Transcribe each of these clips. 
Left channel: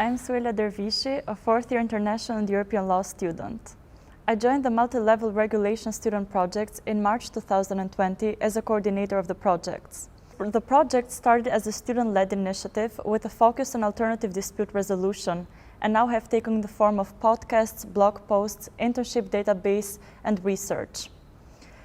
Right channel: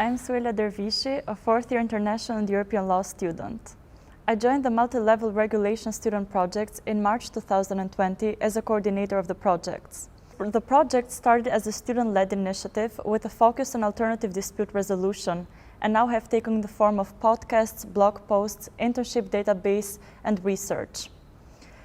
I'm Suela Dervishi, a fourth-year international and European law student. I joined the multi-level regulation student projects in March 2020 as a coordinator of the projects. The project started as a student-led initiative with a focus on alternative dispute resolution and now have taken the form of podcasts, blog posts, internship database, and research.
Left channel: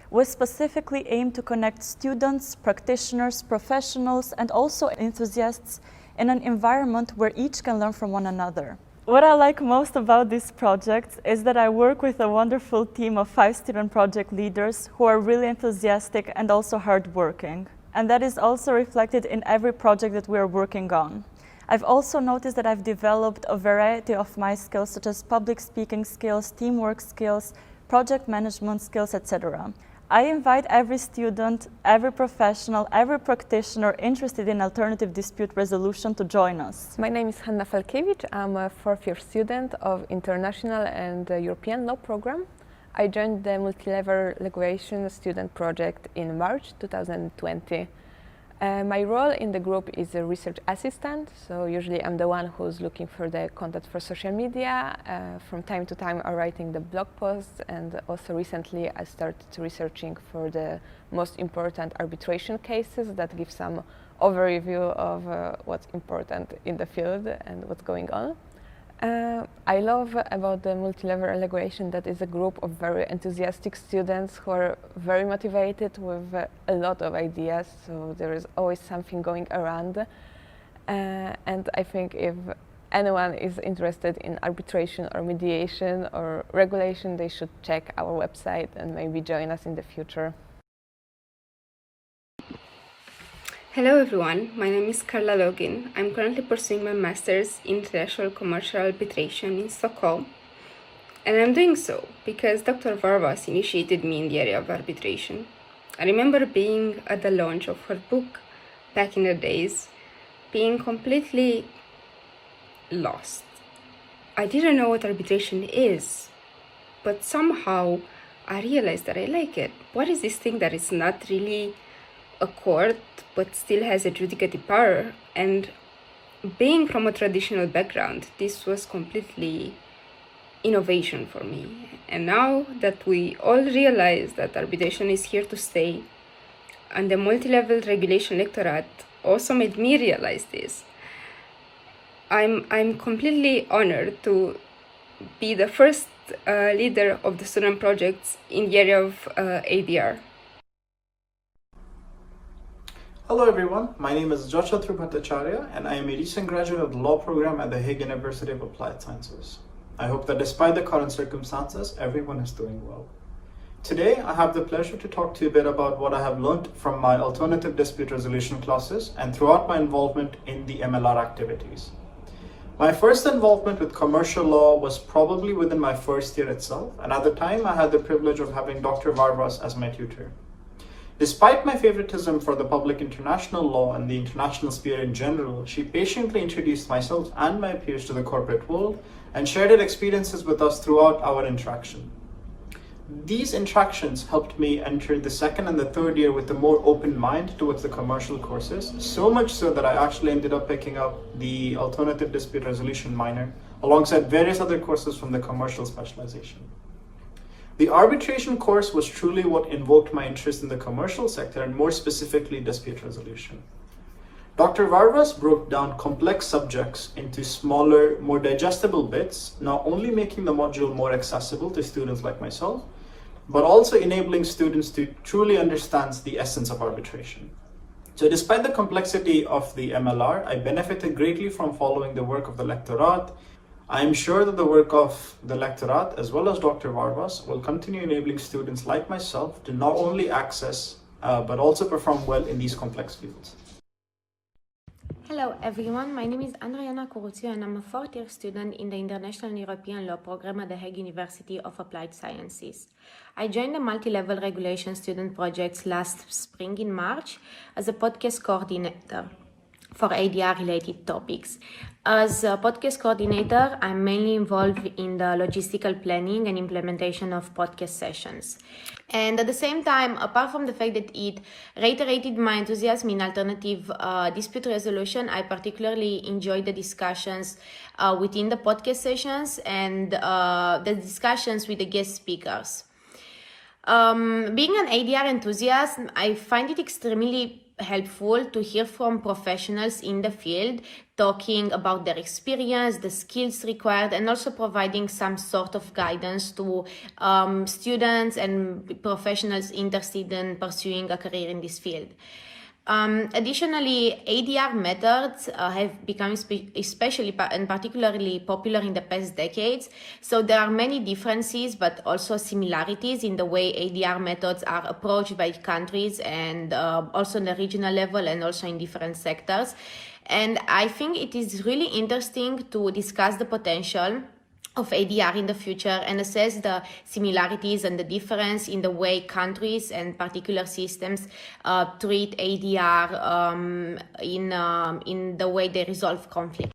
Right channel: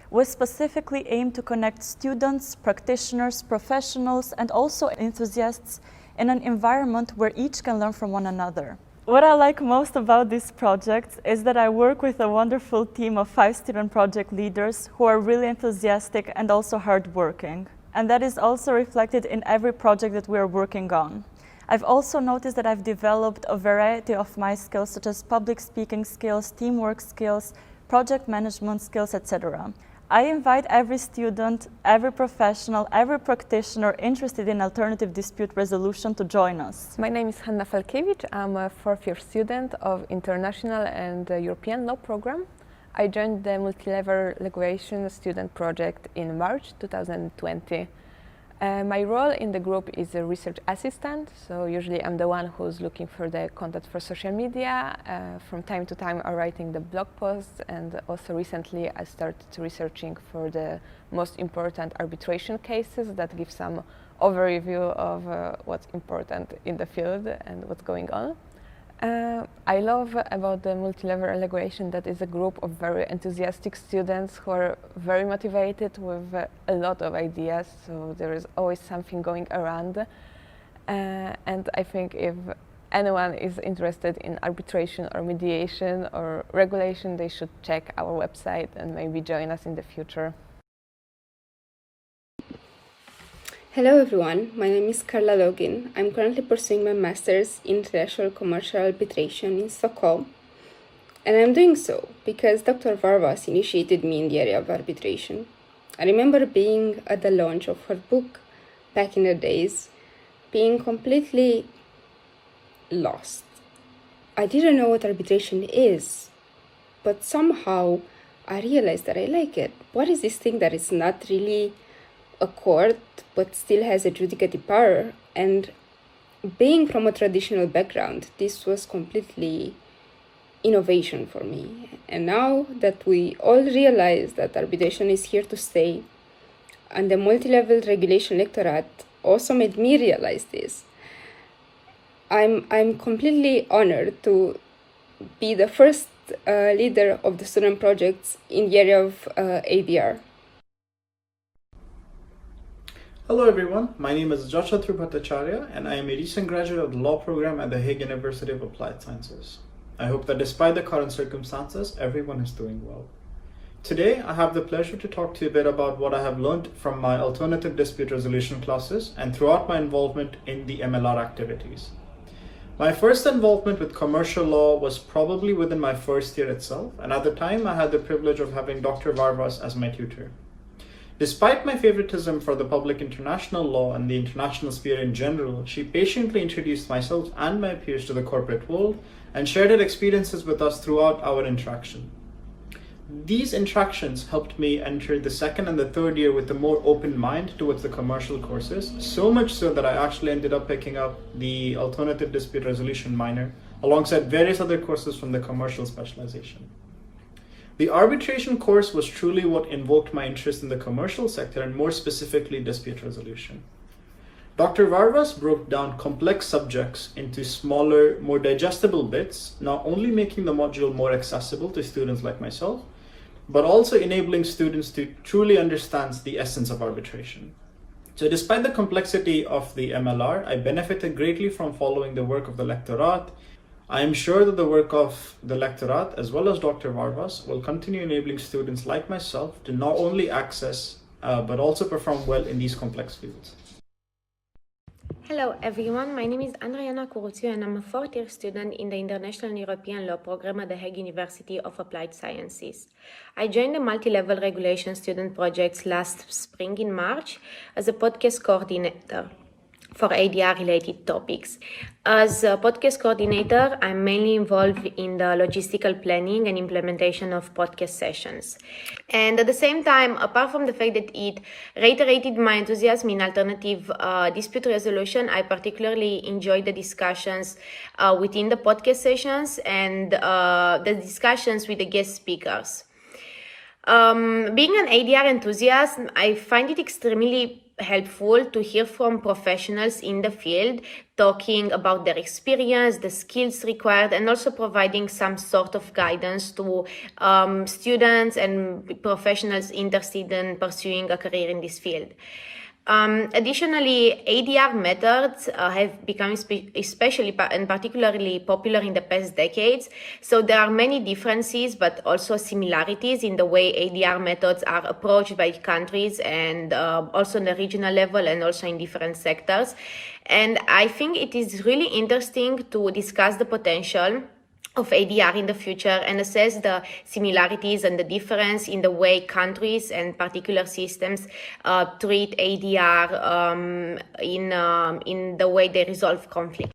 We specifically aim to connect students, practitioners, professionals, and also enthusiasts in an environment where each can learn from one another. What I like most about this project is that I work with a wonderful team of 5 student project leaders who are really enthusiastic and also hardworking. And that is also reflected in every project that we are working on. I've also noticed that I've developed a variety of my skills, such as public speaking skills, teamwork skills, project management skills, etc. I invite every student, every professional, every practitioner interested in alternative dispute resolution to join us. My name is Hanna Falkiewicz. I'm a fourth-year student of International and European Law program. I joined the multi-level regulation student project in March 2020. My role in the group is a research assistant, so usually I'm the one who's looking for the content for social media. From time to time I'm writing the blog posts, and also recently I started researching for the most important arbitration cases that give some overview of what's important in the field and what's going on. I love about the multi-level regulation that is a group of very enthusiastic students who are very motivated with a lot of ideas, so there is always something going around. And I think if anyone is interested in arbitration or mediation or regulation, they should check our website and maybe join us in the future. Hello everyone, my name is Carla Login. I'm currently pursuing my master's in international commercial arbitration in Stockholm. And I'm doing so because Dr. Varvas initiated me in the area of arbitration. I remember being at the launch of her book back in the days, being completely lost. I didn't know what arbitration is, but somehow I realized that I like it. What is this thing that is not really a court but still has adjudicative power? And being from a traditional background, this was completely innovation for me. And now that we all realize that arbitration is here to stay, and the multi-level regulation lectorate also made me realize this, I'm completely honored to be the first leader of the student projects in the area of ADR. Hello everyone, my name is Joshua Trubhatacharya and I am a recent graduate of the law program at the Hague University of Applied Sciences. I hope that despite the current circumstances, everyone is doing well. Today, I have the pleasure to talk to you a bit about what I have learned from my alternative dispute resolution classes and throughout my involvement in the MLR activities. My first involvement with commercial law was probably within my first year itself, and at the time I had the privilege of having Dr. Varvas as my tutor. Despite my favoritism for the public international law and the international sphere in general, she patiently introduced myself and my peers to the corporate world and shared her experiences with us throughout our interaction. These interactions helped me enter the second and the third year with a more open mind towards the commercial courses, so much so that I actually ended up picking up the alternative dispute resolution minor alongside various other courses from the commercial specialization. The arbitration course was truly what invoked my interest in the commercial sector and more specifically dispute resolution. Dr. Varvas broke down complex subjects into smaller, more digestible bits, not only making the module more accessible to students like myself, but also enabling students to truly understand the essence of arbitration. So despite the complexity of the MLR, I benefited greatly from following the work of the lectorate. I am sure that the work of the lectorate as well as Dr. Varvas will continue enabling students like myself to not only access but also perform well in these complex fields. Hello everyone, my name is Andriana Curuțiu and I'm a fourth-year student in the International and European Law program at the Hague University of Applied Sciences. I joined the multi-level regulation student projects last spring in March as a podcast coordinator. for ADR-related topics. As a podcast coordinator, I'm mainly involved in the logistical planning and implementation of podcast sessions. And at the same time, apart from the fact that it reiterated my enthusiasm in alternative dispute resolution, I particularly enjoyed the discussions within the podcast sessions and the discussions with the guest speakers. Being an ADR enthusiast, I find it extremely helpful to hear from professionals in the field talking about their experience, the skills required, and also providing some sort of guidance to students and professionals interested in pursuing a career in this field. Additionally, ADR methods have become especially and particularly popular in the past decades. So there are many differences, but also similarities in the way ADR methods are approached by countries and also on the regional level and also in different sectors. And I think it is really interesting to discuss the potential of ADR in the future and assess the similarities and the difference in the way countries and particular systems treat ADR in the way they resolve conflict.